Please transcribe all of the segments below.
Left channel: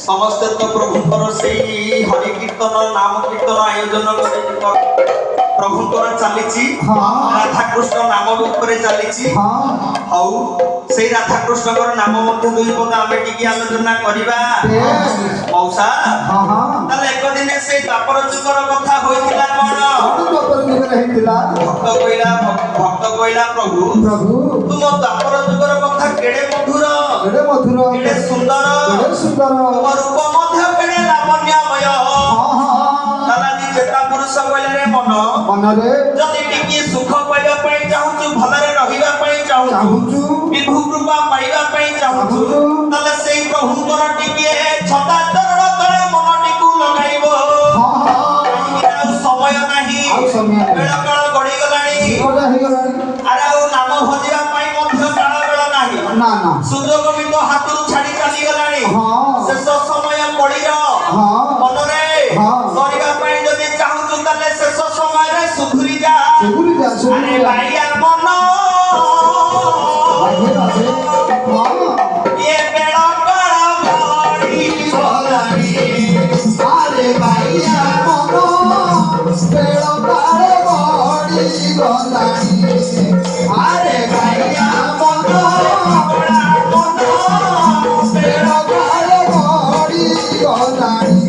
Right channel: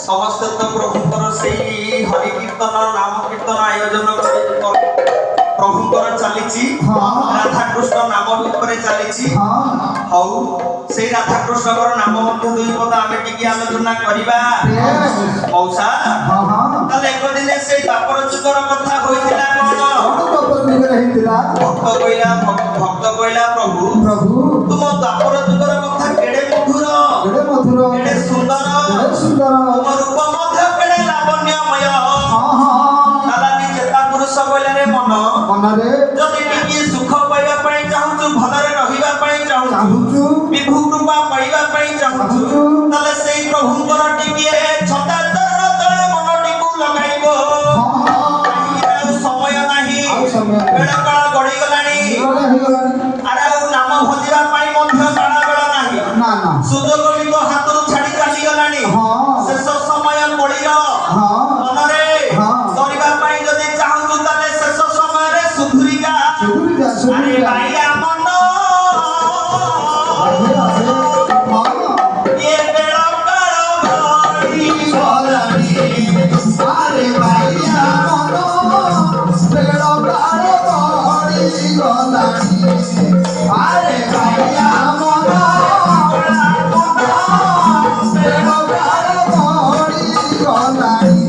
समस्त तो प्रभुंकर से हरि कीर्तन नाम कीर्तन आयोजन प्रभुंकर चली राधा कृष्ण नाम ऊपर चली हौ से राधा कृष्ण नाम दुई पद आम टी आलोचना करवा मौसा एक दिन से द्वापर जुगर कथा होइतिला भक्त कहला प्रभु तुम द्वापर जुगर कथा केड़े मधुर केड़े सुंदर तुम रूप मध्य केड़े लावण्यमय चेता पुरुष बोले रे मन मनरे जदि टिकी सुख पाइबा पई चाहूछु भलरे रहिबा पई चाहूछु विभु कृपा पाइबा पई चाहूछु तले सेई प्रभुंकर टिके छता चरण तळे मनटिकु लगाइबो समय नाही बेळ काळ गडी गलानी अरे नाम भजिबा पई मध्य काळ बेळ नाही ना ना सुजोग बिंदु हातरू छाडी चाली गलानी शेष समय पडिर मनरे करिबा पई जदि चाहूछु तले शेष समय रे सुधुरी जा अरे भाईया मन ये बेड़ा काळ गडी गलानी अरे भैया मनो बेड़ा काळ गडी गलानी अरे भैया मनो बेड़ा काळ गडी गलानी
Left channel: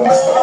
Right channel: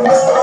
Oh,